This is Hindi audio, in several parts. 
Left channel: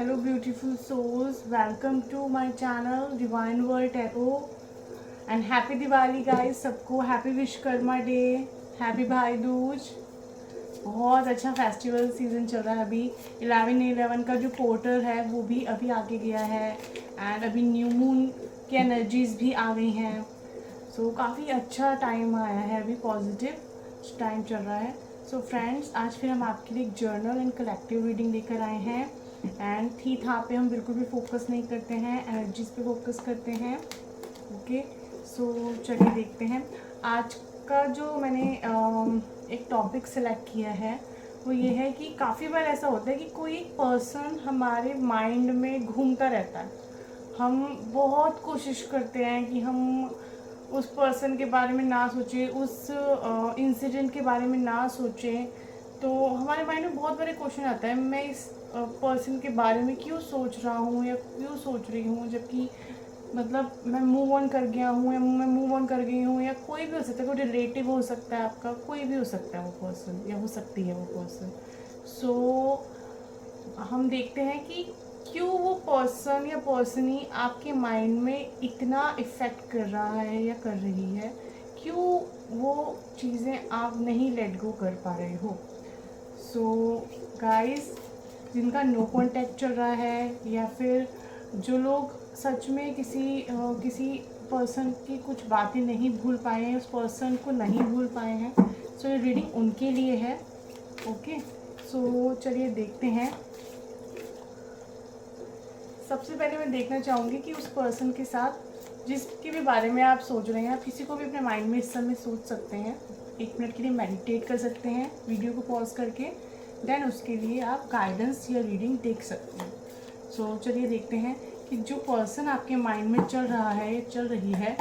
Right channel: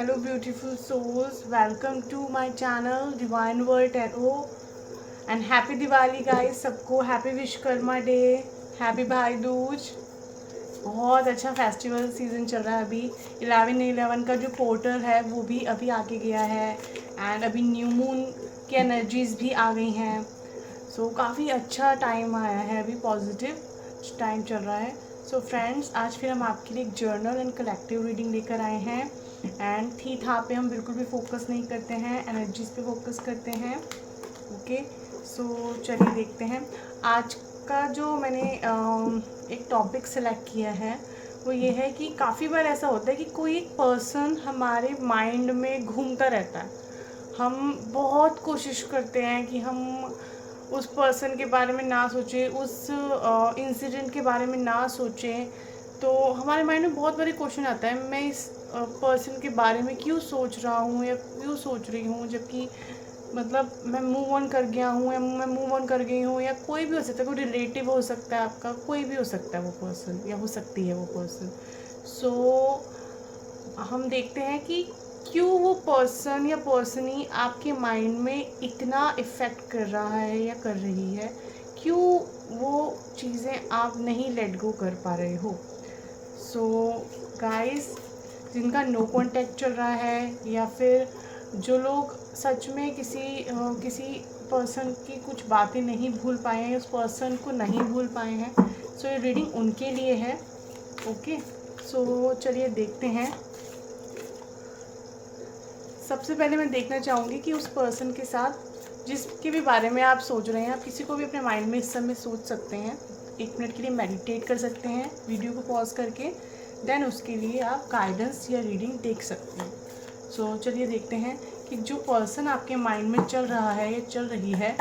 Hello, beautiful souls. Welcome to my channel, Divine World Tarot. And happy Diwali, guys. सबको हैप्पी विश्वकर्मा डे, हैप्पी भाई दूज। बहुत अच्छा फेस्टिवल सीजन चल रहा है अभी। 11/11 का जो पोर्टल है वो भी अभी आके गया है एंड अभी न्यू मून की एनर्जीज भी आ गई हैं। सो काफ़ी अच्छा टाइम आया है, अभी पॉजिटिव टाइम चल रहा है। सो फ्रेंड्स, आज फिर हम आपके लिए एक जर्नल एंड कलेक्टिव रीडिंग लेकर आए हैं एंड थी था पे हम बिल्कुल भी फोकस नहीं करते हैं, एनर्जीज पे फोकस करते हैं। ओके, सो चलिए देखते हैं। आज का जो मैंने एक टॉपिक सेलेक्ट किया है वो ये है कि काफ़ी बार ऐसा होता है कि कोई एक पर्सन हमारे माइंड में घूमता रहता है। हम बहुत कोशिश करते हैं कि हम उस पर्सन के बारे में ना सोचें, उस इंसिडेंट के बारे में ना सोचें। तो हमारे माइंड में बहुत बड़े क्वेश्चन आता है, मैं इस पर्सन के बारे में क्यों सोच रहा हूँ या क्यों सोच रही हूँ, जबकि मतलब मैं मूव ऑन कर गया हूँ या मैं मूव ऑन कर गई हूँ, या कोई भी हो सकता है, कोई रिलेटिव हो सकता है आपका, कोई भी हो सकता है वो पर्सन या हो सकती है वो पर्सन। सो हम देखते हैं कि क्यों वो पर्सन या पर्सनी आपके माइंड में इतना इफ़ेक्ट कर रहा है या कर रही है, क्यों वो चीज़ें आप नहीं लेट गो कर पा रहे हो। सो गाइस, जिनका नो कांटेक्ट चल रहा है या फिर जो लोग सच में किसी पर्सन की कुछ बातें नहीं भूल पाए हैं, उस पर्सन को नहीं भूल पाए हैं, सो ये रीडिंग उनके लिए है। ओके, सो चलिए देखते हैं। सबसे पहले मैं देखना चाहूँगी कि उस पर्सन के साथ जिसके भी बारे में आप सोच रहे हैं, आप किसी को भी अपने माइंड में इस समय सोच सकते हैं। 1 मिनट के लिए मेडिटेट कर सकते हैं वीडियो को पॉज करके, देन उसके लिए आप गाइडेंस या रीडिंग देख सकते हैं। सो चलिए देखते हैं कि जो पर्सन आपके माइंड में चल रहा है या चल रही है,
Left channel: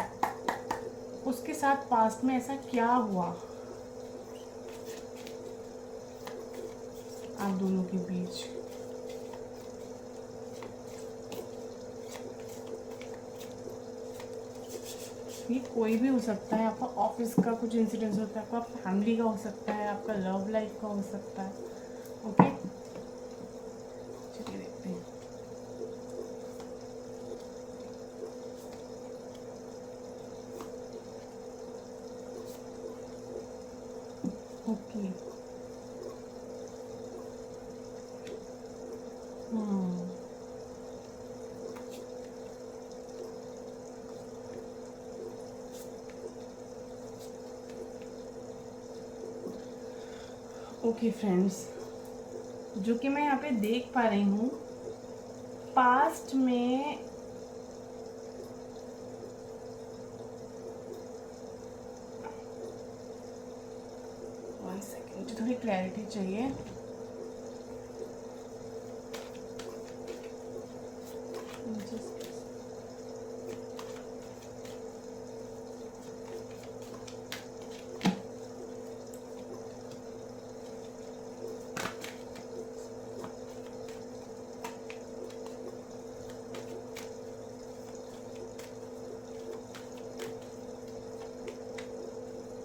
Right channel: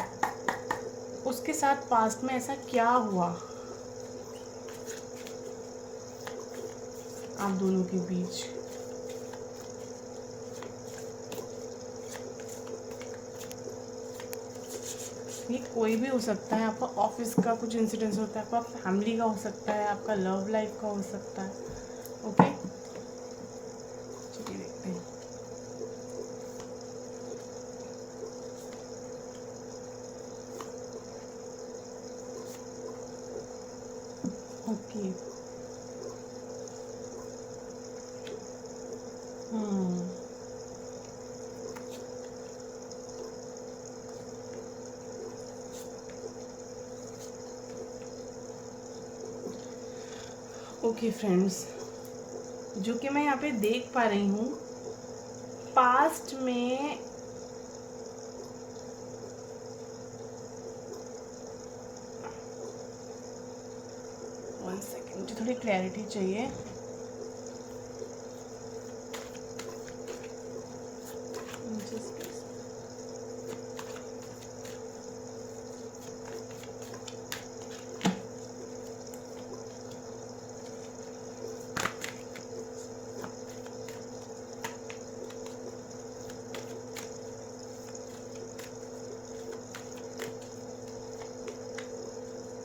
उसके साथ पास्ट में ऐसा क्या हुआ आप दोनों के बीच। ये कोई भी हो सकता है, आपका ऑफिस का कुछ इंसिडेंस होता है, आपका फैमिली का हो सकता है, आपका लव लाइफ का हो सकता है। ओके, चलिए देखते हैं। ओके, ओके फ्रेंड्स, जो कि मैं यहाँ पे देख पा रही हूँ, पास्ट में वन सेकेंड, मुझे थोड़ी क्लैरिटी चाहिए।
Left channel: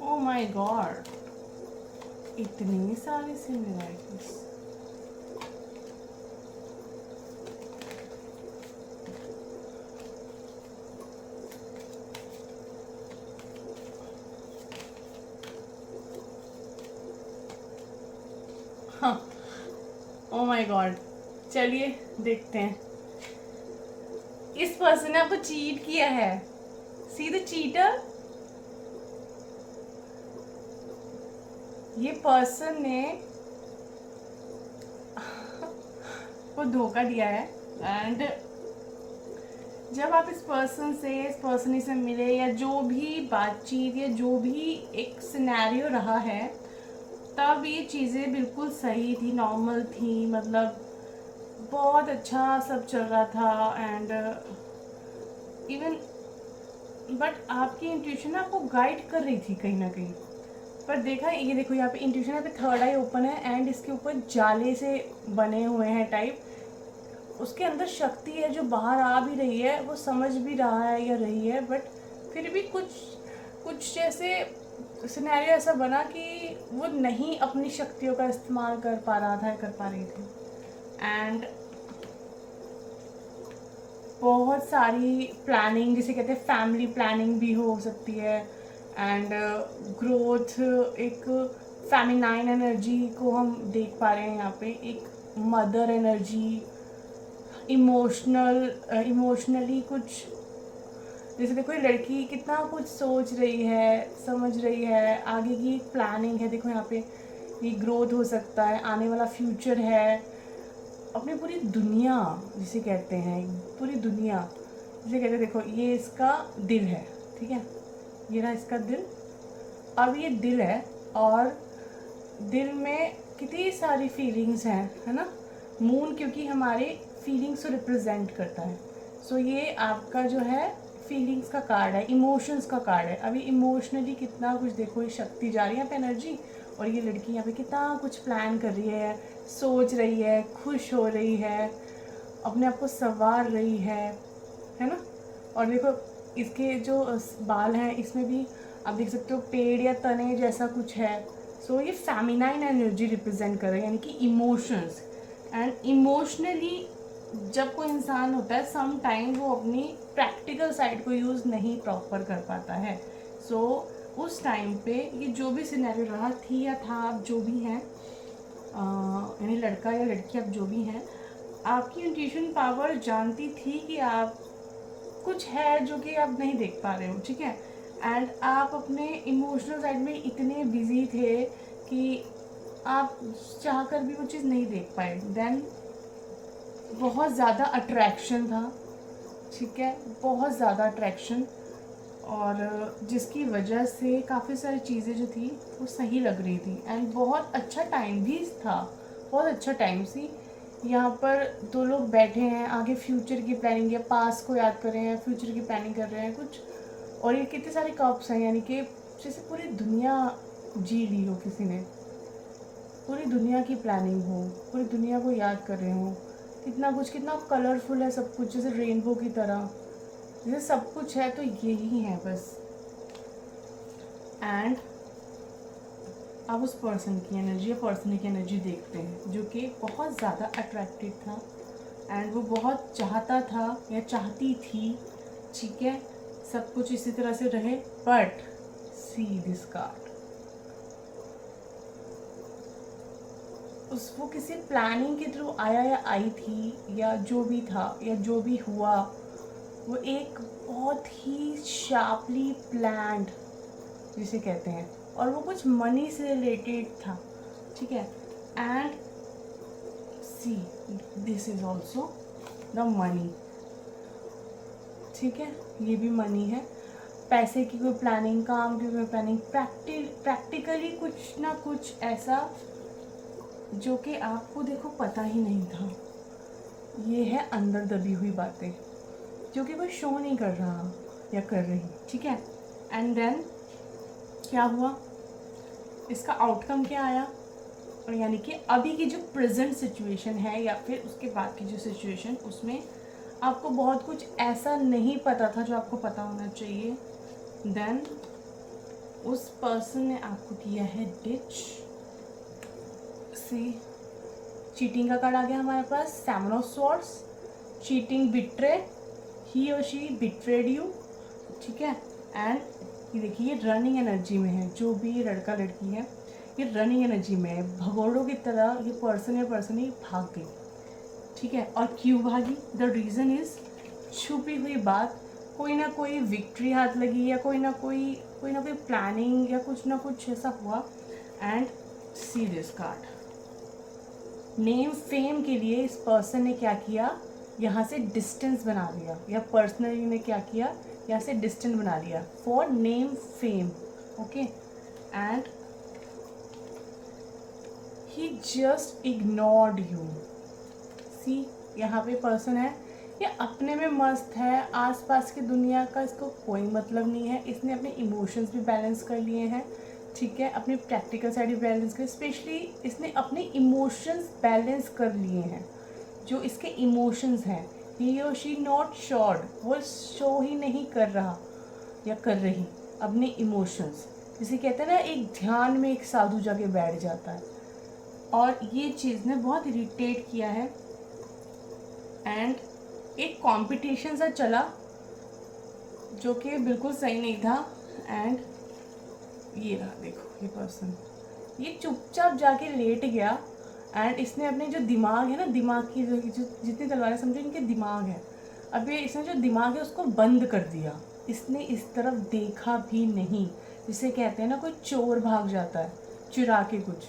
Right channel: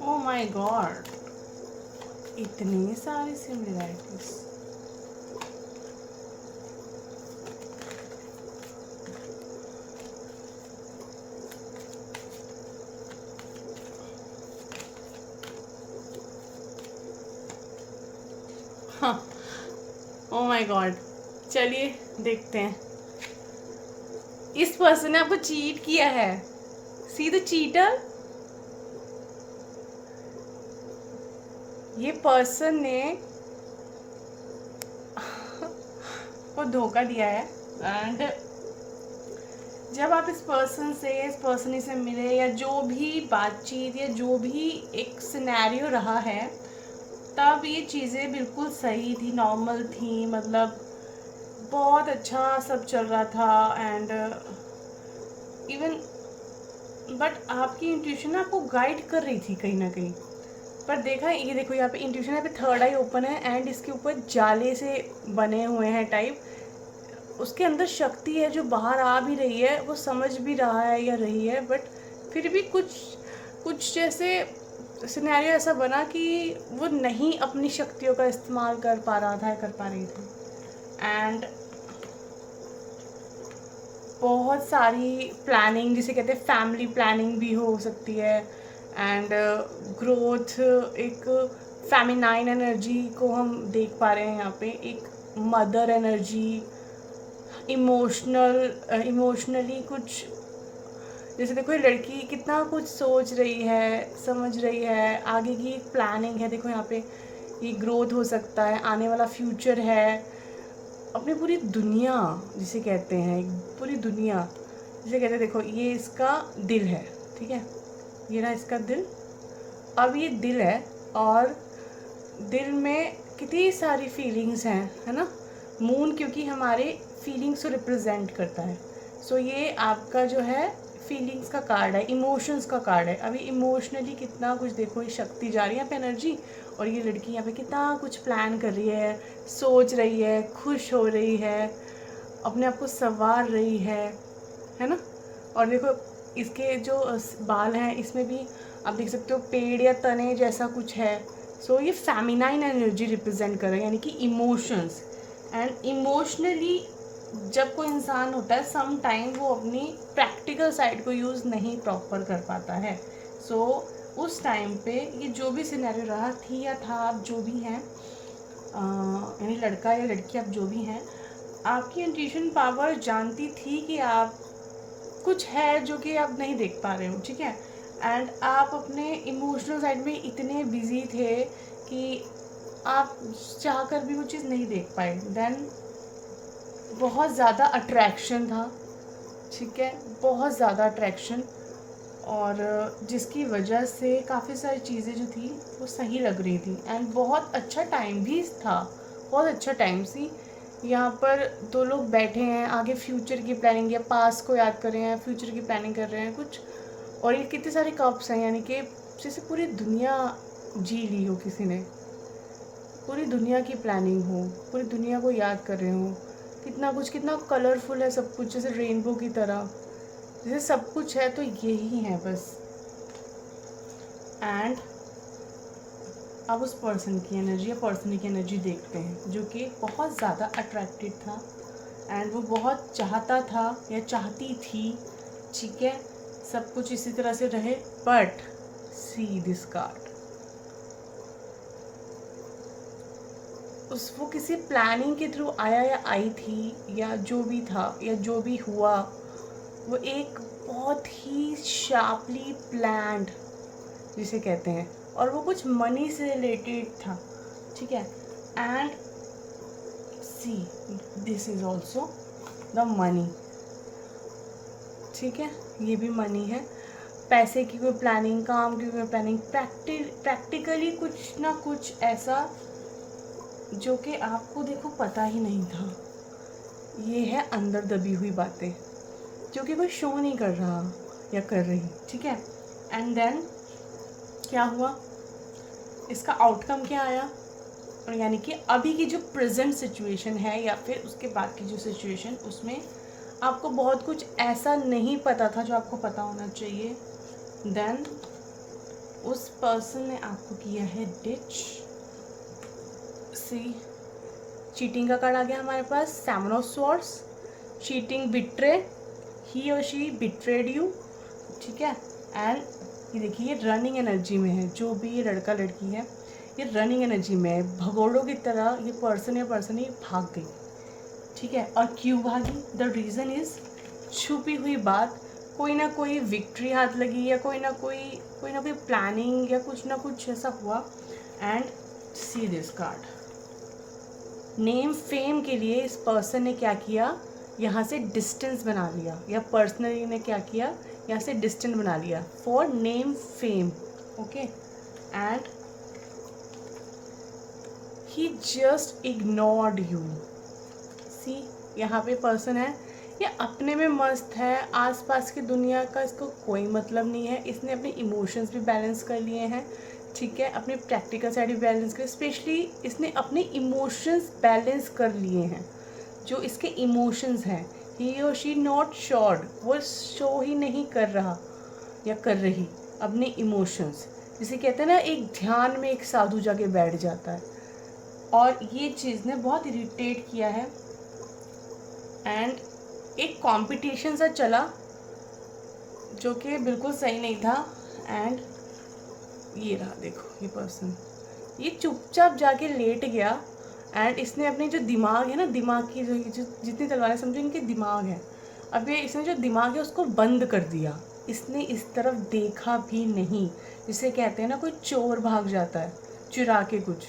ओ माय गॉड, इतनी सारी सिमिलैरिटीज। हाँ, ओ माय गॉड, चलिए देखते हैं। इस पर्सन ने आपको चीट किया है। See the cheater. ये पर्सन ने को धोखा दिया है एंड जब आप इस पर्सन से मिले, या जो भी बातचीत या जो भी एक सिनेरियो रहा है, तब ये चीज़ें बिल्कुल सही थी, नॉर्मल थी, मतलब बहुत अच्छा सब चल रहा था एंड इवन बट आपकी इंट्यूशन आपको गाइड कर रही थी कहीं ना कहीं। पर देखा, ये देखो यहाँ पे इंट्यूशन, यहाँ पे थर्ड आई ओपन है एंड इसके ऊपर जाले से बने हुए हैं टाइप। उसके अंदर शक्ति है जो बाहर आ भी रही है, वो समझ भी रहा है या रही है, बट फिर भी कुछ कुछ जैसे सिनेरियो ऐसा बना कि वो नहीं अपनी शक्तियों का इस्तेमाल कर पा रहा था या कर पा रही थी। एंड बहुत सारी प्लानिंग, जिसे कहते हैं फैमिली प्लानिंग भी हो सकती है। एंड ग्रोथ, एक फेमिनाइन एनर्जी को हम देख पा रहे हैं यहाँ पे, एक मदर एनर्जी, इमोशनली कुछ, जैसे देखो ये लड़की कितना कुछ सोच रही है, समझ रही है, आगे की प्लानिंग है। देखो यहाँ पे ये ग्रोथ हो सकता है, आने वाला फ्यूचर है, अपनी पूरी दुनिया जिसे कहते हैं, पूरी दुनिया जिसे कहते हैं। देखो ये इसका दिल है, ठीक है, ये रहा इसका दिल। अब ये दिल है और दिल में कितनी सारी फीलिंग्स हैं, है ना। मून क्योंकि हमारे फीलिंग्स को रिप्रेजेंट करता है। सो ये आपका जो है फीलिंग्स का कार्ड है, इमोशंस का कार्ड है। अभी इमोशनली कितना कुछ, देखो ये शक्ति जा रही है यहाँ पे एनर्जी, और ये लड़की यहाँ पे कितना कुछ प्लान कर रही है, सोच रही है, खुश हो रही है, अपने आप को संवार रही है ना। और देखो इसके जो बाल हैं इसमें भी आप देख सकते हो पेड़ या तने जैसा कुछ है। सो ये फेमिनाइन एनर्जी रिप्रेजेंट कर रहे हैं, यानी कि इमोशंस। एंड इमोशनली जब कोई इंसान होता है सम टाइम वो अपनी प्रैक्टिकल साइड को यूज़ नहीं प्रॉपर कर पाता है। सो उस टाइम पे ये जो भी सिनेरियो रहा थी या था, आप जो भी हैं, यानी लड़का या लड़की आप जो भी हैं, आपकी इंट्यूशन पावर जानती थी कि आप कुछ है जो कि आप नहीं देख पा रहे हो, ठीक है। एंड आप अपने इमोशनल साइड में इतने बिजी थे कि आप चाह कर भी वो चीज़ नहीं देख पाए। देन बहुत ज़्यादा अट्रैक्शन था, ठीक है, बहुत ज़्यादा अट्रैक्शन, और जिसकी वजह से काफ़ी सारी चीज़ें जो थी वो सही लग रही थी। एंड बहुत अच्छा टाइम भी था, बहुत अच्छा टाइम सी। यहाँ पर दो लोग बैठे हैं, आगे फ्यूचर की प्लानिंग या पास्ट को याद कर रहे हैं, फ्यूचर की प्लानिंग कर रहे हैं कुछ। और ये कितने सारे कप्स हैं, यानी कि जैसे पूरी दुनिया जी ली हो किसी ने, पूरी दुनिया की प्लानिंग हो, पूरी दुनिया को याद कर रहे हो। कितना कुछ, कितना कलरफुल है सब कुछ, जैसे रेनबो की तरह, जैसे सब कुछ है। तो यही है बस। एंड अब उस पर्सन की एनर्जी या पर्सन की एनर्जी देखते हैं, जो कि बहुत ज़्यादा अट्रैक्टिव था एंड वो बहुत चाहता था या चाहती थी, ठीक है, सब कुछ इसी तरह से रहे। बट सी दिस कार्ड, वो किसी प्लानिंग के थ्रू आया या आई थी, या जो भी था या जो भी हुआ, वो एक बहुत ही शार्पली प्लान्ड जिसे कहते हैं, और वो कुछ मनी से रिलेटेड था, ठीक है। And see this is also the money, ठीक है, ये भी मनी है। पैसे की कोई प्लानिंग, काम की कोई प्लानिंग, प्रैक्टिकली कुछ ना कुछ ऐसा जो कि आपको देखो पता ही नहीं था। ये है अंदर दबी हुई बातें जो कि कोई शो नहीं कर रहा या कर रही, ठीक है। एंड देन क्या हुआ, इसका आउटकम क्या आया, और यानी कि अभी की जो प्रेजेंट सिचुएशन है या फिर उसके बाद की जो सिचुएशन, उसमें आपको बहुत कुछ ऐसा नहीं पता था जो आपको पता होना चाहिए। देन उस पर्सन ने आपको किया है डिच। सी चीटिंग का कार्ड आ गया हमारे पास, seven of swords, cheating, betray, he or she betrayed you, ठीक है। एंड ये देखिए ये रनिंग एनर्जी में है, जो भी लड़का लड़की है ये रनिंग एनर्जी में है, भगोड़ों की तरह ये पर्सन या पर्सन ही भाग गई, ठीक है। और क्यों भागी, द रीज़न इज छुपी हुई बात, कोई ना कोई विक्ट्री हाथ लगी, या कोई ना कोई प्लानिंग या कुछ ना कुछ ऐसा हुआ। And see this card, name fame के लिए इस पर्सन ने क्या किया, यहाँ से डिस्टेंस बना लिया, या पर्सनली ने क्या किया, यहाँ से डिस्टेंस बना लिया for name fame, okay. And he just ignored you. See यहाँ पे पर्सन है, ये अपने में मस्त है, आसपास की दुनिया का इसको कोई मतलब नहीं है। इसने अपने इमोशंस भी बैलेंस कर लिए हैं, ठीक है, अपनी प्रैक्टिकल साइड भी बैलेंस कर, स्पेशली इसने अपने इमोशंस बैलेंस कर लिए हैं। जो इसके इमोशंस हैं, ही और शी नॉट श्योर, वो शो ही नहीं कर रहा या कर रही अपने इमोशंस, जिसे कहते हैं ना एक ध्यान में एक साधु जाके बैठ जाता है। और ये चीज़ ने बहुत इरिटेट किया है। एंड एक कंपटीशन सा चला जो कि बिल्कुल सही नहीं था। एंड ये रहा, देखो ये पर्सन, ये चुपचाप जाके लेट गया। एंड इसने अपनी जो दिमाग है ना, दिमाग की जो जितनी तलवारें समझो इनके दिमाग है, अब ये इसने जो दिमाग है उसको बंद कर दिया। इसने इस तरफ देखा भी नहीं, जिसे कहते हैं ना कोई चोर भाग जाता है चुरा के कुछ।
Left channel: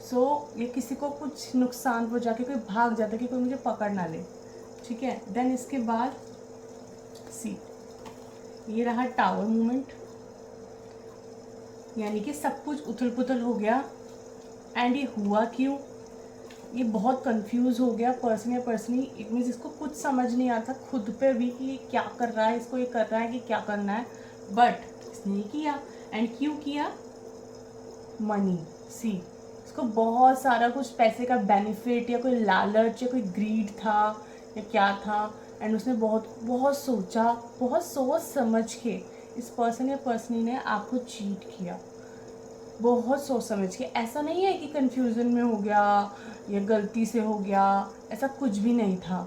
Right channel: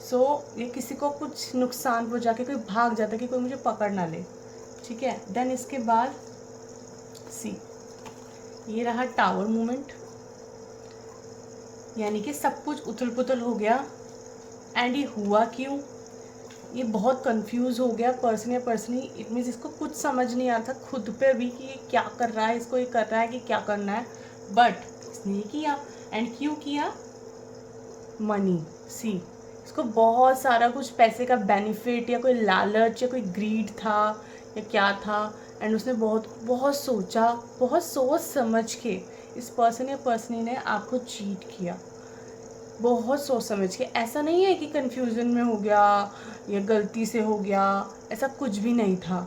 सो ये किसी को कुछ नुकसान पहुंचा के कोई भाग जाता है कि कोई मुझे पकड़ ना ले, ठीक है। देन इसके बाद सी, ये रहा टावर मूवमेंट, यानी कि सब कुछ उथल पुथल हो गया। एंड ये हुआ क्यों, ये बहुत कंफ्यूज हो गया पर्सन या पर्सनी। इट मीन्स इसको कुछ समझ नहीं आता खुद पे भी कि ये क्या कर रहा है, इसको ये कर रहा है कि क्या करना है, बट इसने ये किया। एंड क्यों किया, मनी। सी, इसको बहुत सारा कुछ पैसे का बेनिफिट या कोई लालच या कोई ग्रीड था या क्या था। एंड उसने बहुत बहुत सोचा, बहुत सोच समझ के इस पर्सन या पर्सनी ने आपको चीट किया, बहुत सोच समझ के। ऐसा नहीं है कि कंफ्यूजन में हो गया या गलती से हो गया, ऐसा कुछ भी नहीं था।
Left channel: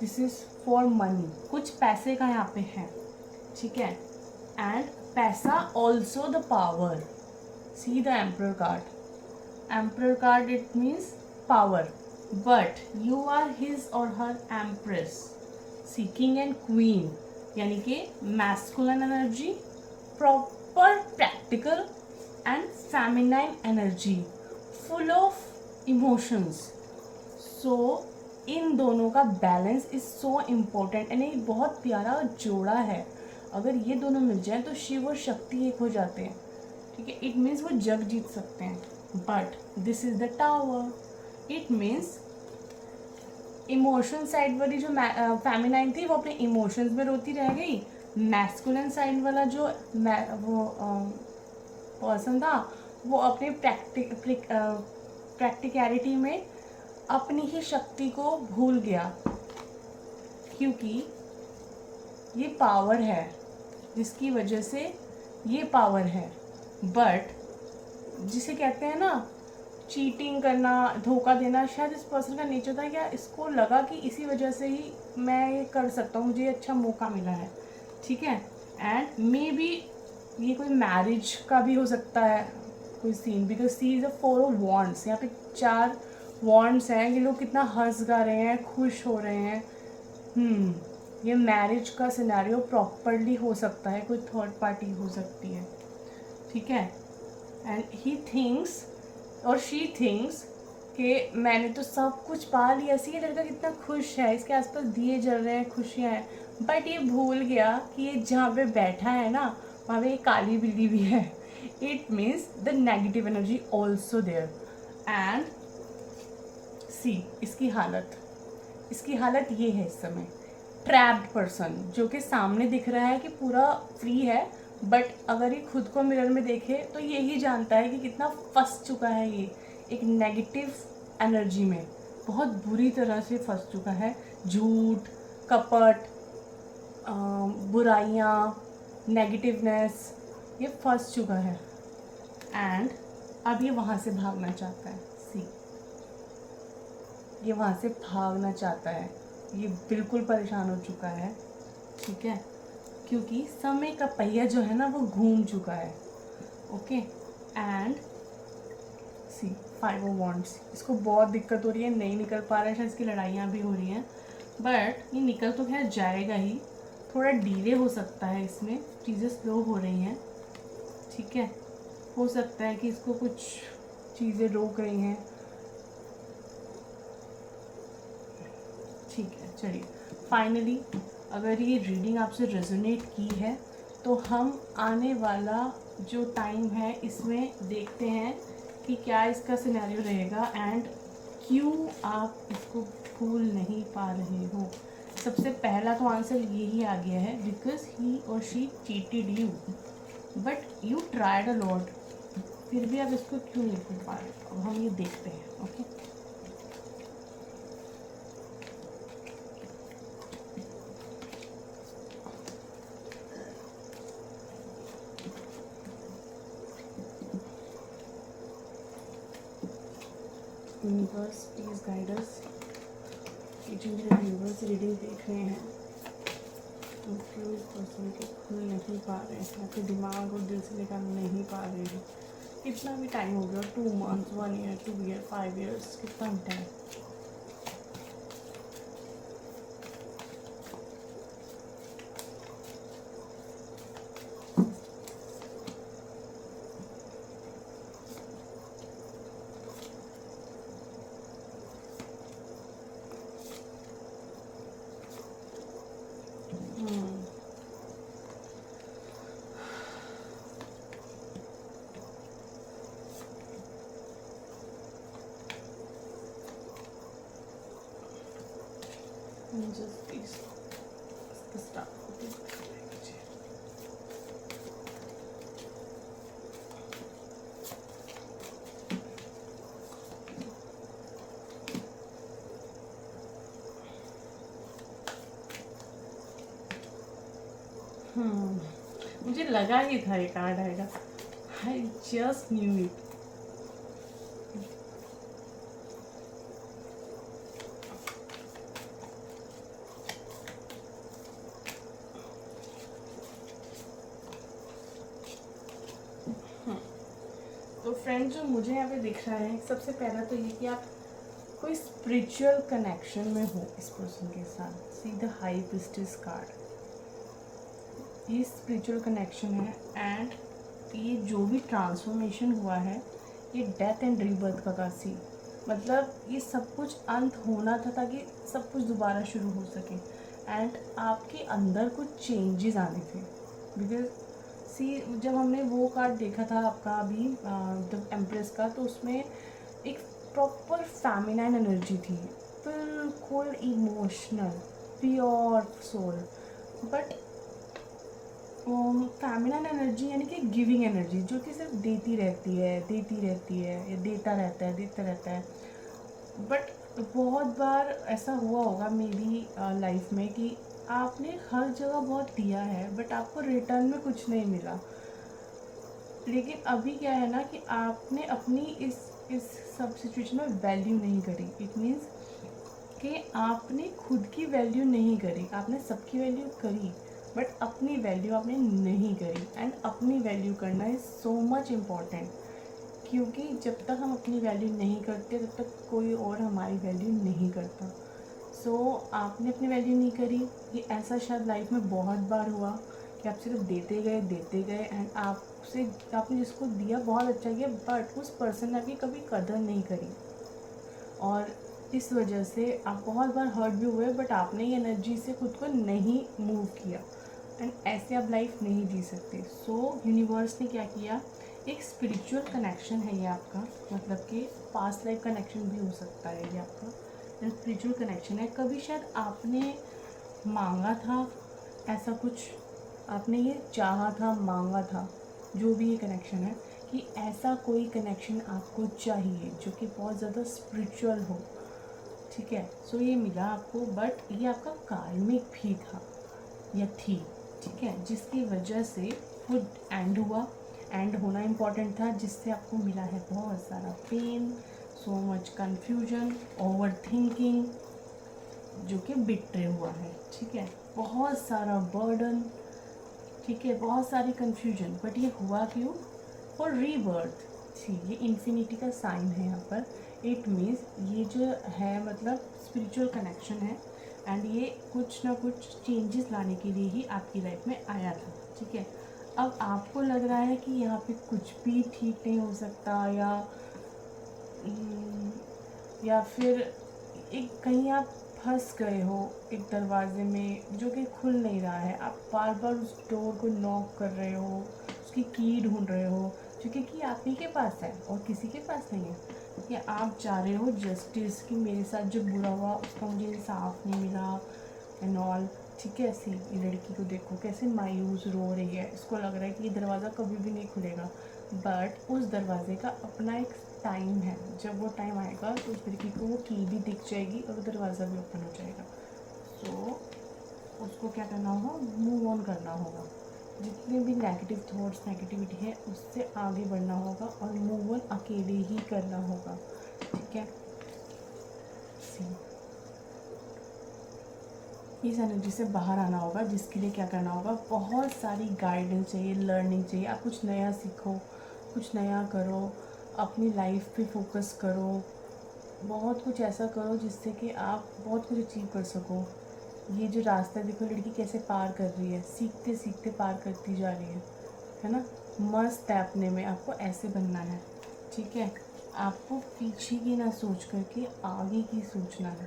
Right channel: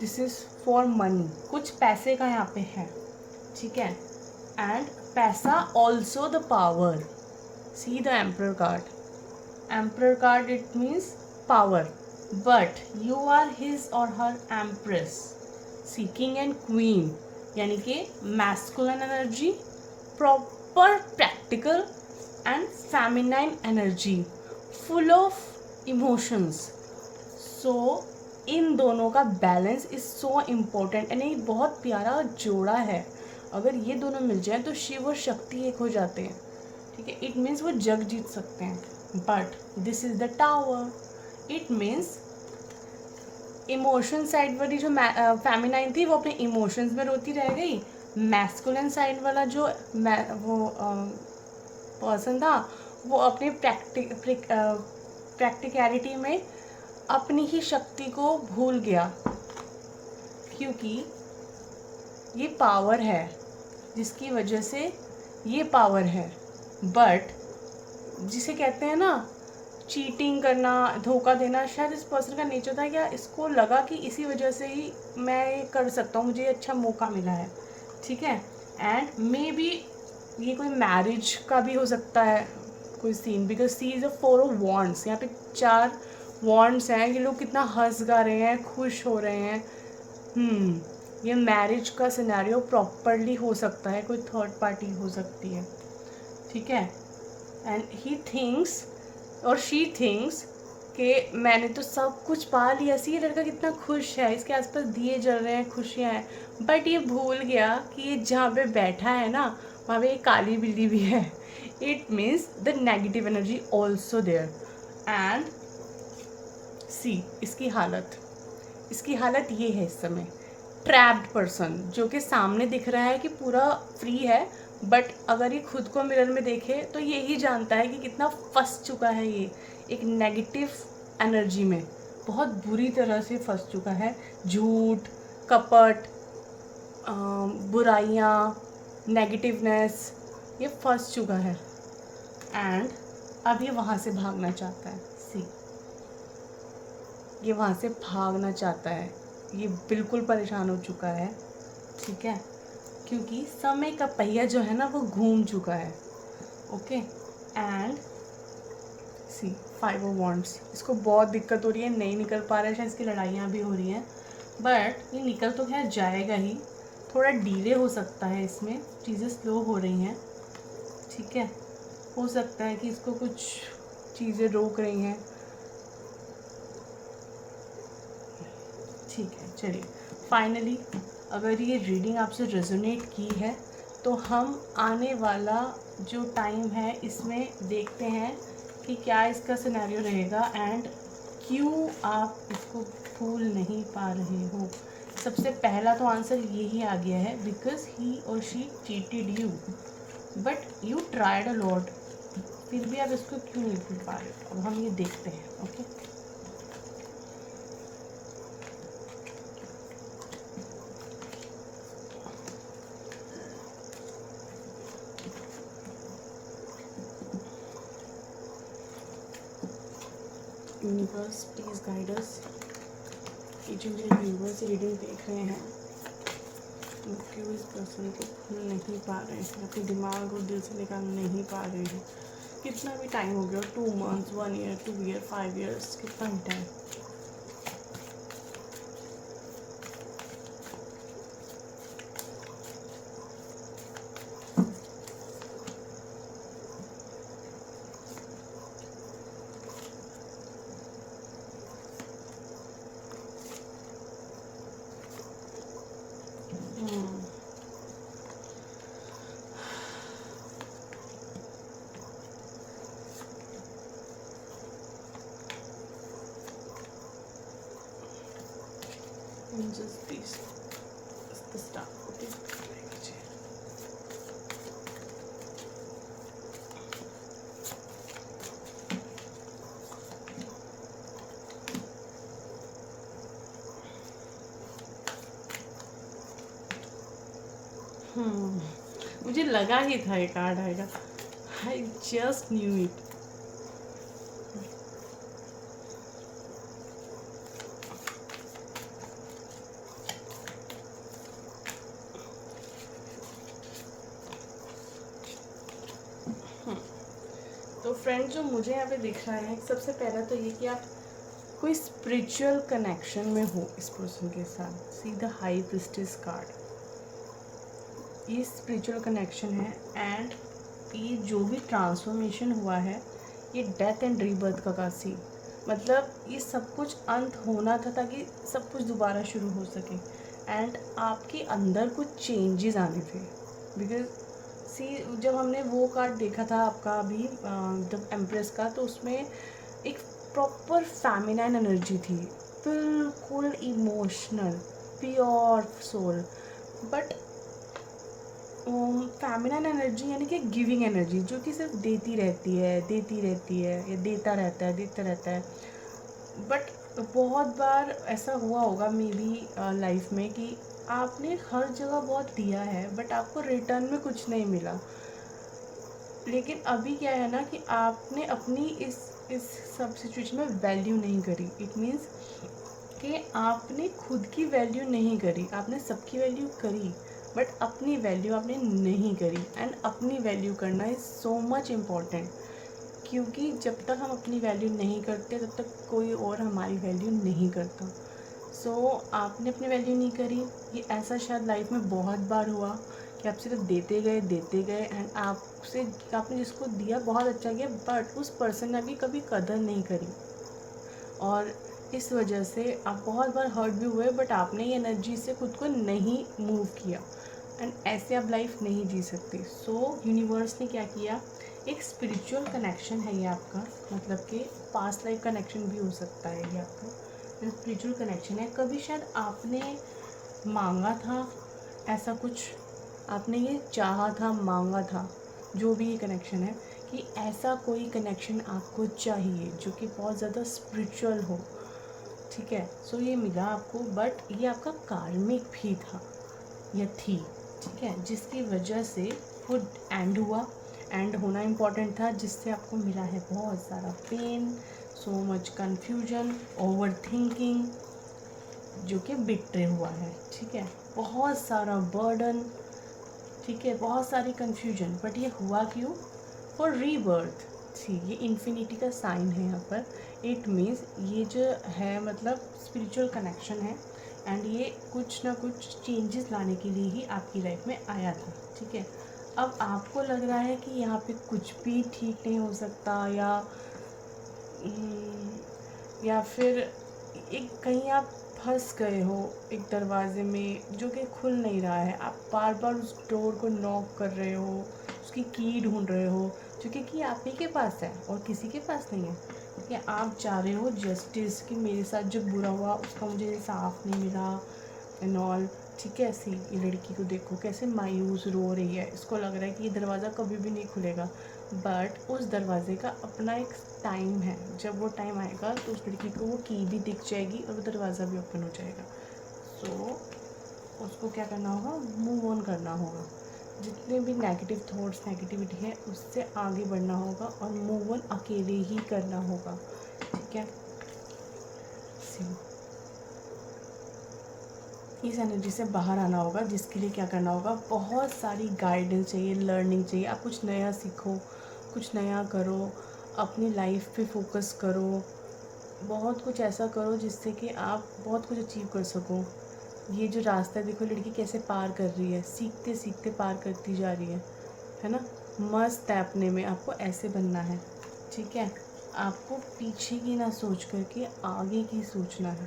दिस इज़ फॉर मनी, कुछ पैसे का यहाँ पे है, ठीक है। एंड पैसा also the power. See the emperor card, emperor card it means power, but you are his or her empress. See, king and queen, यानी कि masculine energy, proper practical and feminine energy, full of emotions. So in दोनों का balance is so important and एक बहुत प्यारा जोड़ा है। अगर ये दोनों मिल जाए तो शिव और शक्ति एक हो जाते हैं, ठीक है। इट मीन्स वो जग जीत सकते हैं। But this is the tower, it means emotion side वाली जो फेमिनाइन थी वो अपने इमोशंस में रोती रह गई। मैस्कुलिन साइड वाला जो वो पर्सन था वो अपने प्रैक्टिकलिटी में अपनी ही शक्ति को भूल गया, क्योंकि ये पावर है जिसकी वजह से ये पावर है। बट जिसे कहते हैं ना चीटिंग करना, धोखा देना, शायद इस पर्सन का नेचर था, या इसको लगा कि इसी वजह से ही मैं ये कर सकता हूँ, मुझे अच्छा मौका मिला है, ठीक है। एंड मे बी ये कोई मैरिज का भी हो सकता है कोई scene, because see is a 4 of wands. यहाँ पे 4 वॉन्ड्स हैं, ये लोग कितना हंस गा रहे हैं, खुश हो रहे हैं। ये मैरिज का सिनेरियो प्रॉपरली हो सकता है, कोई थर्ड पार्टी हो सकती है, ठीक है। एंड ही थिंक्स और शी थिंक्स कि मैंने तो सब कुछ पा लिया, सी ये लड़का कितना खुश है, इसके आसपास दिए जल रहे हैं, खुशियाँ हैं। बट ये भूल गया कि ये जहाँ पे बैठा है ना वहाँ पे एक काली बिल्ली भी है। It means the negative energy also there. And see, इसकी हालत ये है इस समय, ट्रैप्ड पर्सन, जो कि सामने दिख रहा है कि पूरा फ्री है, बट अगर ये खुद को मिरर में देखे तो यही जानता है कि कितना फंस चुका है ये एक नेगेटिव एनर्जी में, बहुत बुरी तरह से फंस चुका है। झूठ, कपट, बुराइयाँ, नेगेटिवनेस, ये फंस चुका है। एंड अब ये वहाँ से भागना चाहता है। सी, ये वहाँ से भागना चाहता है, ये बिल्कुल परेशान हो चुका है, ठीक है, क्योंकि समय का पहिया जो है ना वो घूम चुका है। Okay. And see, 5 of wands, इसको बहुत दिक्कत हो रही है, नहीं निकल पा रहा है, शायद इसकी लड़ाइयाँ भी हो रही हैं, बट ये निकल तो खैर जाएगा ही। थोड़ा डिले हो सकता है, इसमें चीज़ें स्लो हो रही हैं, ठीक है। हो सकता है कि इसको कुछ चीज़ें रोक रही हैं, ठीक है। चलिए, फाइनली अगर ये रीडिंग आपसे रेजोनेट की है तो हम आने वाला जो टाइम है इसमें देखते हैं कि क्या इसका सिनेरियो रहेगा एंड क्यों आप इसको भूल नहीं पा रहे हो। सबसे पहला तो आंसर यही आ गया है, because he or she cheated you, but you tried a lot, फिर भी आप इसको क्यों नहीं भूल पा रहे हो। अब हम ये देखते हैं। Okay, universe please guide us कि जो मेरे व्यूवर्स रीडिंग देख रहे हैं वो क्यों इस पर्सन को खुल नहीं पा रहे हैं, अपने दिमाग और दिल से निकाल नहीं पा रहे हैं। कितना भी टाइम हो गया, 2 months, 1 year, 2 year, 5 years, कितना भी time. Just this is the stuff. मुझे लगा ही था ये कार्ड आएगा। I just knew it. तो फ्रेंड जो मुझे यहाँ पे दिख रहा है, सबसे पहला तो ये कि आप कोई स्पिरिचुअल कनेक्शन में हो इस पर्सन के साथ। See the high priestess card, ये स्पिरिचुअल कनेक्शन है। एंड ये जो भी ट्रांसफॉर्मेशन हुआ है ये डेथ एंड रीबर्थ का था। सी मतलब ये सब कुछ अंत होना था ताकि सब कुछ दोबारा शुरू हो सके। एंड आपके अंदर कुछ चेंजेस आने थे। बिकॉज सी जब हमने वो कार्ड देखा था आपका अभी जब एम्प्रेस का, तो उसमें एक प्रॉपर फेमिनाइन एनर्जी थी, बिल्कुल emotional pure soul. But feminine energy यानी कि गिविंग एनर्जी, जो कि सिर्फ देती रहती है या देता रहता है। बट बहुत बार ऐसा हुआ होगा मे बी लाइफ में कि आपने हर जगह बहुत दिया है बट आपको रिटर्न में कुछ नहीं मिला। लेकिन अभी क्या है ना कि आपने अपनी इस सब सिचुएशन में वैल्यू नहीं करी। इट मीन्स कि आपने खुद की वैल्यू नहीं करी, आपने सबकी वैल्यू करी बट अपनी वैल्यू आपने नहीं करी। एंड अपनी वैल्यू करना इज़ सो मच इम्पॉर्टेंट, क्योंकि जब तक हम अपनी वैल्यू नहीं करते तब तक कोई और हमारी वैल्यू नहीं करता। सो आपने अपनी वैल्यू नहीं करी। ये ऐसा शायद लाइफ में बहुत बार हुआ कि आप सिर्फ देते गए एंड आपने जिसको दिया बहुत अच्छा किया बट उस पर्सन ने भी कभी कदर नहीं करी। और इस वजह से आप बहुत बार हर्ट भी हुए बट आपने ये एनर्जी से खुद को नहीं मूव किया। एंड ऐसे आप लाइफ नहीं जी सकते। सो यूनिवर्स ने क्या किया, एक स्पिरिचुअल कनेक्शन है ये आपका, मतलब कि पास्ट लाइफ कनेक्शन भी हो सकता है ये आपका। स्पिरिचुअल कनेक्शन है। कभी शायद आपने मांगा था ऐसा कुछ, आपने ये चाहा था, मांगा था, जो भी ये कनेक्शन है कि ऐसा कोई कनेक्शन आपको चाहिए जो कि बहुत ज़्यादा स्पिरिचुअल हो। ठीक है, सो ये मिला आपको। बट ये आपका कार्मिक भी था या थी, ठीक है, जिसकी वजह से वो एंड हुआ। एंड होना इम्पॉर्टेंट था, जिससे आपको मिला है बहुत सारा pain, so much confusion, over thinking, जो कि बिट्रे हुआ है। ठीक है, बहुत सारा बर्डन, ठीक है, बहुत सारी कन्फ्यूजन। बट ये हुआ क्यों? For rebirth. सी ये इन्फिनिटी का साइन है यहाँ पर। इट मीन्स ये जो है मतलब स्पिरिचुअल कनेक्शन है एंड ये कुछ ना कुछ चेंजेस लाने के लिए ही आपकी लाइफ में आया था। ठीक है, अब आपको लग रहा है कि यहाँ पे कुछ भी ठीक नहीं हो सकता, या फिर एक कहीं आप फंस गए हो एक दरवाजे में जो कि खुल नहीं रहा है। आप बार बार उस डोर को नॉक कर रहे हो, उसकी की ढूंढ रहे हो, जो कि आप ही के पास है और किसी के पास नहीं है। या आप चाह रहे हो जस्टिस, कि मेरे साथ जो बुरा हुआ उसका मुझे इंसाफ नहीं मिला एंड ऑल। ठीक है, ऐसी ये लड़की को देखो कैसे मायूस रो रही है, इसको लग रहा है कि ये दरवाज़ा कभी भी नहीं खुलेगा। बट उस दरवाजे का अपना एक टाइम है, जब वो टाइम आएगा तो उस लड़की को वो की भी दिख जाएगी और दरवाज़ा भी ओपन हो जाएगा। सो उसको क्या करना होगा, मूव ऑन करना होगा। जितने भी नेगेटिव थॉट्स, नेगेटिविटी है, उससे आगे बढ़ना होगा और मूव ऑन अकेले ही करना होगा। ठीक है, सी इस एनर्जी से बाहर आना होगा, जिसके लिए क्या करना होगा, बहुत सारी गाइडेंस चाहिए, लर्निंग चाहिए। आप कुछ नया सीखो, कुछ नया करो, अपनी लाइफ पे फोकस करो, बहुत कुछ ऐसा करो जिससे कि आप बहुत कुछ अचीव कर सको। ये जो रास्ता देखो, लड़की कैसे पार कर रही है, सीखते सीखते पार करती जा रही है ना। मस्त है अपने में, आपको ऐसे बनना है, ठीक है। आपको पीछे की ना सोच करके आगे की सोचना है,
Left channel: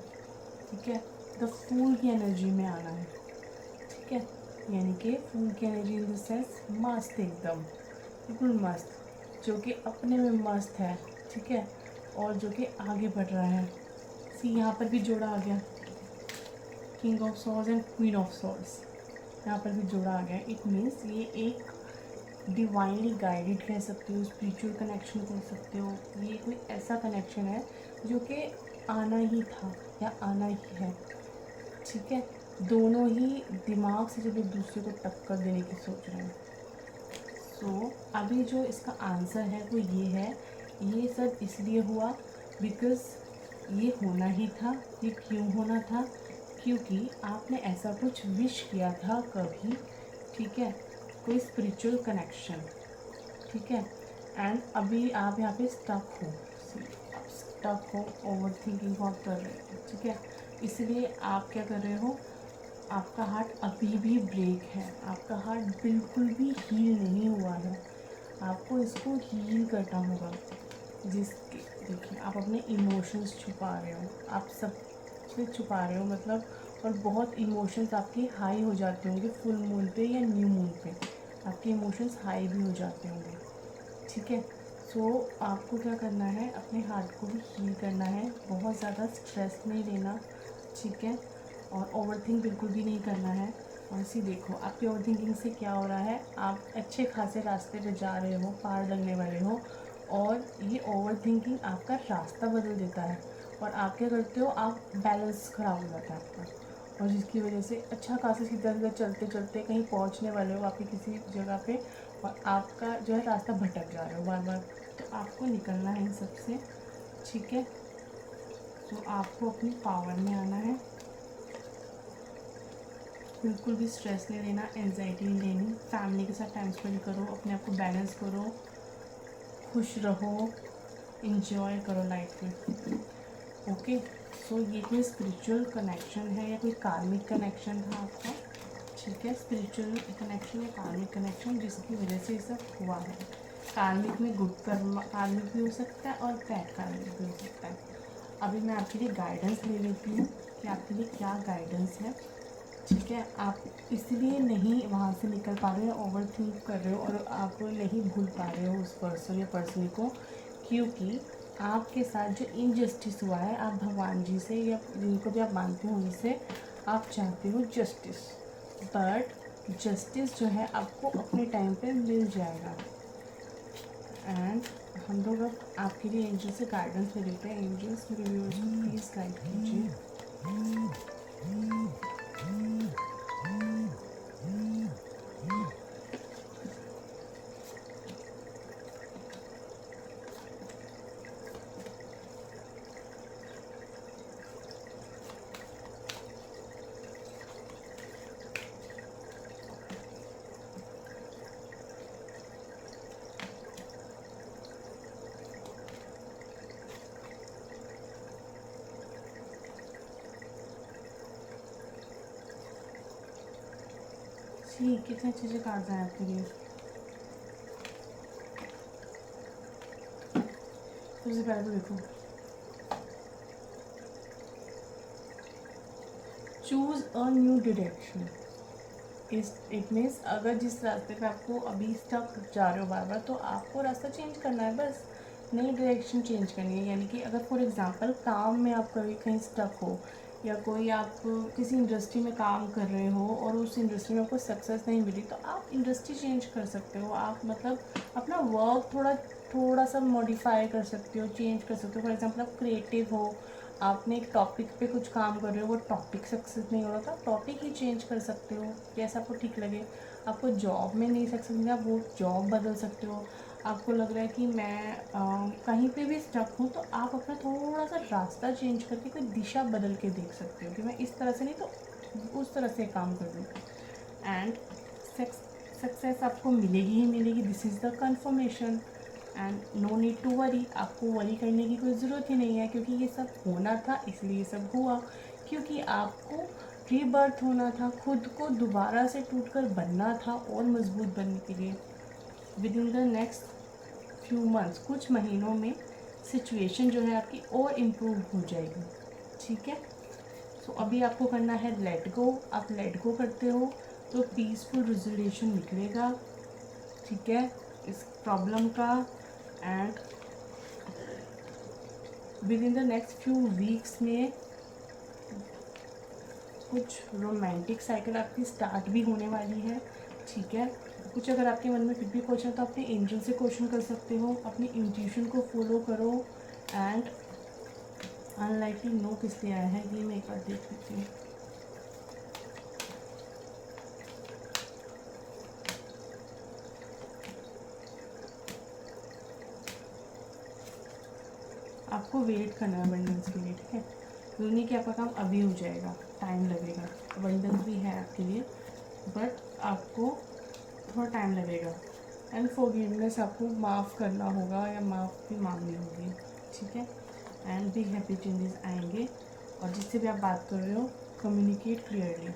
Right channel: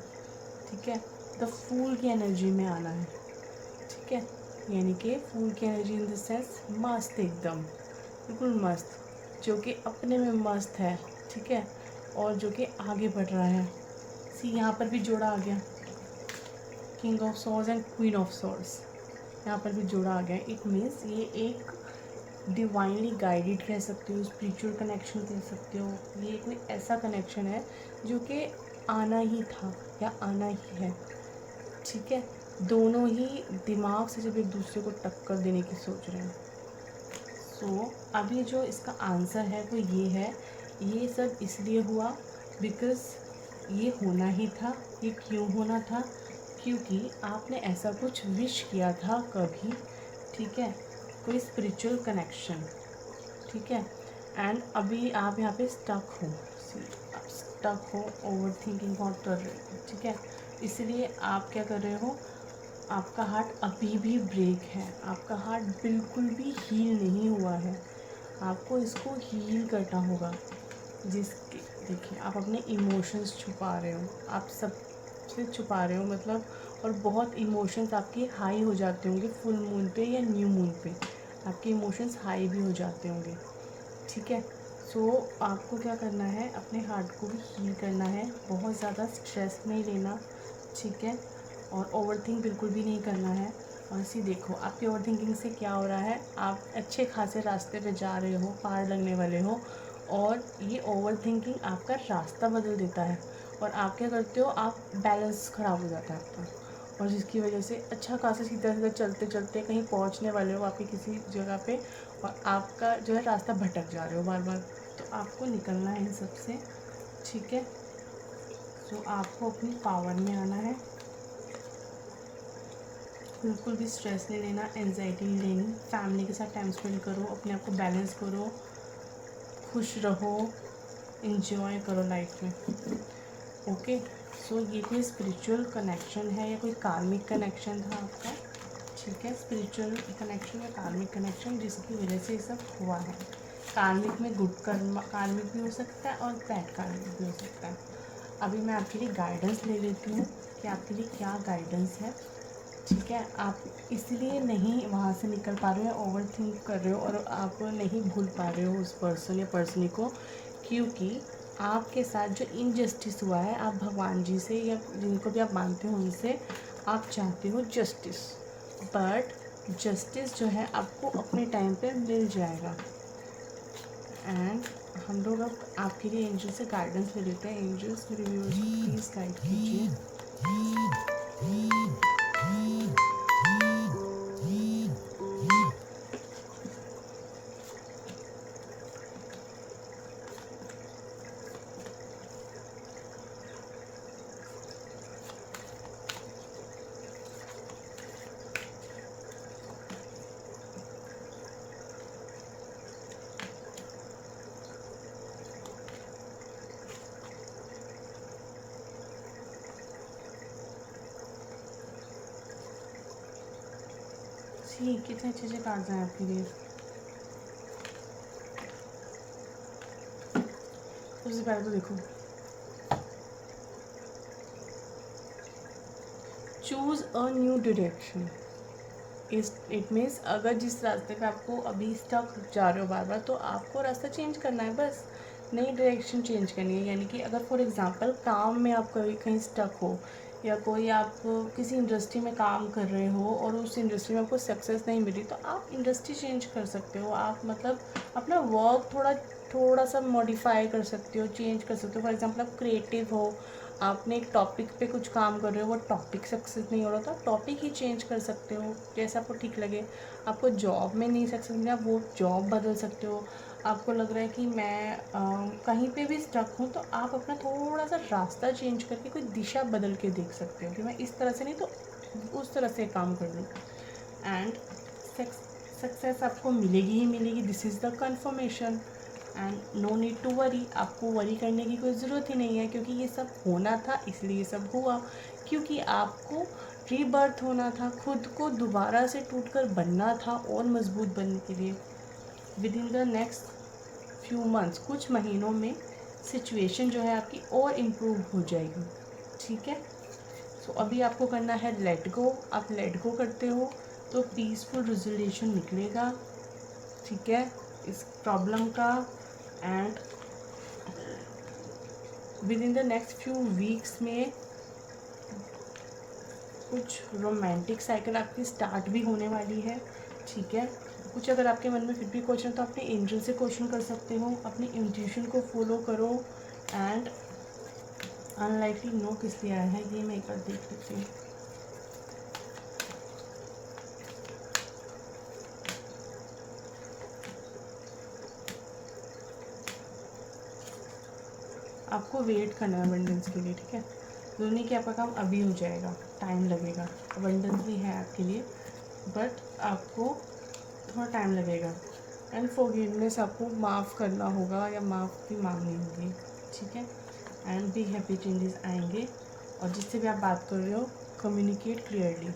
ठीक है। द फूल की एनर्जी में आना है, ठीक है। यानी कि फूल की एनर्जी इन द सेंस मस्त, एकदम बिल्कुल मस्त, जो कि अपने में मस्त है, ठीक है, और जो कि आगे बढ़ रहा है। सी यहाँ पर भी जोड़ा आ गया, king of swords and queen of swords, यहाँ पर भी जोड़ा आ गया। इट मीन्स ये एक डिवाइनली गाइडेड कह सकते हो, स्पिरिचुअल कनेक्शन कह सकते हो। ये कोई ऐसा कनेक्शन है जो कि आना ही था या आना ही है, ठीक है। दोनों ही दिमाग से जब एक दूसरे को टक्कर देने की सोच रहे हैं। सो अभी जो इसका आंसर है वो ये है, ये सब इसलिए हुआ बिकॉज़ ये होना ही था। ये क्यों होना था? क्योंकि आपने ऐसा कुछ विश किया था कभी, ठीक है, कोई स्पिरिचुअल कनेक्शन, ठीक है। एंड अभी आप यहाँ पे स्टक हो, आप स्टक हो, ओवर थिंकिंग बहुत कर रहे हो, ठीक है। इसलिए आप क्या कर रहे हो, आपका हार्ट अभी भी ब्रेक है, आपका हार्ट बिल्कुल भी हील नहीं हुआ है। आपको इसको हील करना होगा। जिसके देखिए, आप अपने इमोशंस छुपा रहे हो, आप सब से छुपा रहे हो, मतलब, और बहुत इमोशंस आपके हाई हो जाते होंगे फुल मून पे या न्यू मून पे, आपके इमोशंस हाई भी हो जाते होंगे, ठीक है। सो आपको क्या करना है, अपने हार्ट को भी हील करना है, बहुत ज़्यादा स्ट्रेस नहीं लेना, ठीक है, और ओवर थिंक बिल्कुल भी नहीं करना है। और इसी देखो, आपकी ओवर थिंकिंग से क्या हो रहा है, आप अच्छे खासे रास्ते पे जा रहे हो, पार लगने वाले हो, और ये ओवर थिंकिंग आपका रास्ता बदल देता है, और आप क्या करते हो, आप बैलेंस ख़राब हो जाता है आपका, और जिसकी वजह से अच्छा खासा सीधा सीधा चलते चलते कहीं पहुंचने वाले हो आपकी किसी जगह पे, और आपका जो है रास्ता भटक जा रहे हो बार बार। तो आपको निकलना है इन सब से, ठीक है। तो आपको अपनी पावर में आना है, बिल्कुल भी स्ट्रेस नहीं लेना, एनजाइटी नहीं लेनी, फैमिली के साथ टाइम स्पेंड करो, अपने आप को बैलेंस करो, खुश रहो, इंजॉय करो लाइफ में, ओके। सो ये कोई स्पिरिचुअल कनेक्शन है या कोई कार्मिक कनेक्शन था आपका, ठीक है। स्पिरिचुअल कनेक्शन या कार्मिक कनेक्शन जिसकी वजह से ये सब हुआ है। कार्मिक में गुड कर्म कार्मिक भी हो सकता है और बैड कार्मिक भी हो सकता है। अभी मैं आपके लिए गाइडेंस ले लेती हूँ कि आपके लिए क्या गाइडेंस है, ठीक है। आप इसलिए नहीं वहाँ से निकल पा रहे हो, ओवर थिंक कर रहे हो, और आप नहीं भूल पा रहे हो उस पर्सन या पर्सनी को, क्योंकि आपके साथ जो इनजस्टिस हुआ है, आप भगवान जी से या जिनको भी आप मानते हो उनसे आप चाहते हो जस्टिस, बट जस्टिस जो है आपको अपने टाइम पे मिल जाएगा। एंड हम लोग अब आपके लिए एंजल से गाइडेंस ले लेते हैं। एंजल्स मेरे व्यूअर्स को प्लीज़ गाइड कीजिए। जी, कितने अच्छे अच्छे कार्ड्स हैं आपके लिए। सबसे पहले तो देखो, choose a new direction. It means अगर जिस रास्ते पे आपको अभी स्टक जा रहे हो बार बार, तो आपको रास्ता चेंज करना है, बस नई डायरेक्शन चेंज करनी है। यानी कि अगर फॉर एग्जांपल काम में आप कभी कहीं स्टक हो, या कोई आप किसी इंडस्ट्री में काम कर रहे हो और उस इंडस्ट्री में आपको सक्सेस नहीं मिली, तो आप इंडस्ट्री चेंज कर सकते हो। आप मतलब अपना वर्क थोड़ा सा मॉडिफाई कर सकते हो, चेंज कर सकते हो। फॉर एग्जांपल आप क्रिएटिव हो, आपने एक टॉपिक पे कुछ काम कर रहे हो, वो टॉपिक सक्सेस नहीं हो रहा, तो आप टॉपिक ही चेंज कर सकते हो जैसा आपको ठीक लगे। आपको जॉब में नहीं सक्सेस मिला, आप वो जॉब बदल सकते हो। आपको लग रहा है कि मैं कहीं पे भी स्टक हूँ, तो आप अपना थोड़ा सा रास्ता चेंज करके कोई दिशा बदल के देख सकते हो कि मैं इस तरह से नहीं तो उस तरह से काम करना। एंड सक्सेस आपको मिलेगी ही मिलेगी, this is the confirmation. And no need to worry, आपको वरी करने की कोई ज़रूरत ही नहीं है, क्योंकि ये सब होना था इसलिए ये सब हुआ, क्योंकि आपको रीबर्थ होना था, खुद को दोबारा से टूटकर बनना था और मजबूत बनने के लिए। With in the next few months, कुछ महीनों में सिचुएशन जो है आपकी और इम्प्रूव हो जाएगी, ठीक है। सो अभी आपको करना है लेट गो। आप लेट गो करते हो तो पीसफुल रिजोल्यूशन निकलेगा, ठीक है, इस प्रॉब्लम का। And with in the next few weeks में कुछ रोमांटिक साइकिल आपकी स्टार्ट भी होने वाली है, ठीक है। कुछ अगर आपके मन में फिर भी क्वेश्चन, तो अपने एंजल से क्वेश्चन कर सकते हो, अपनी इंट्यूशन को फॉलो करो। एंड अनलाइकली नो किस लिए आया है ये मैं एक बार देख लेती हूँ। आपको वेट करना है अबंडेंस के लिए, ठीक है। जरूरी नहीं कि आपका काम अभी हो जाएगा, टाइम लगेगा। अबंडेंस भी है आपके लिए, बट आपको थोड़ा टाइम लगेगा। एंड फॉरगिवनेस, आपको माफ़ करना होगा या माफ़ी मांगनी होगी, ठीक है। एंड भी हैप्पी चेंजेस आएंगे। और जिससे भी आप बात कर रहे हो, कम्युनिकेट क्लियरली,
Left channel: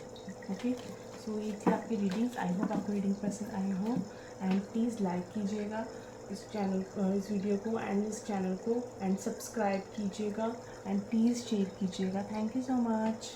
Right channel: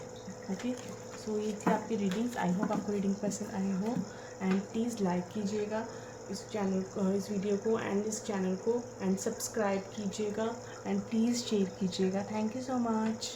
ओके। सो ये थी आपकी रीडिंग्स। आई होप आपको रीडिंग पसंद आई हो। एंड प्लीज़ लाइक कीजिएगा इस चैनल, इस वीडियो को एंड इस चैनल को, एंड सब्सक्राइब कीजिएगा, एंड प्लीज़ शेयर कीजिएगा। Thank you so much.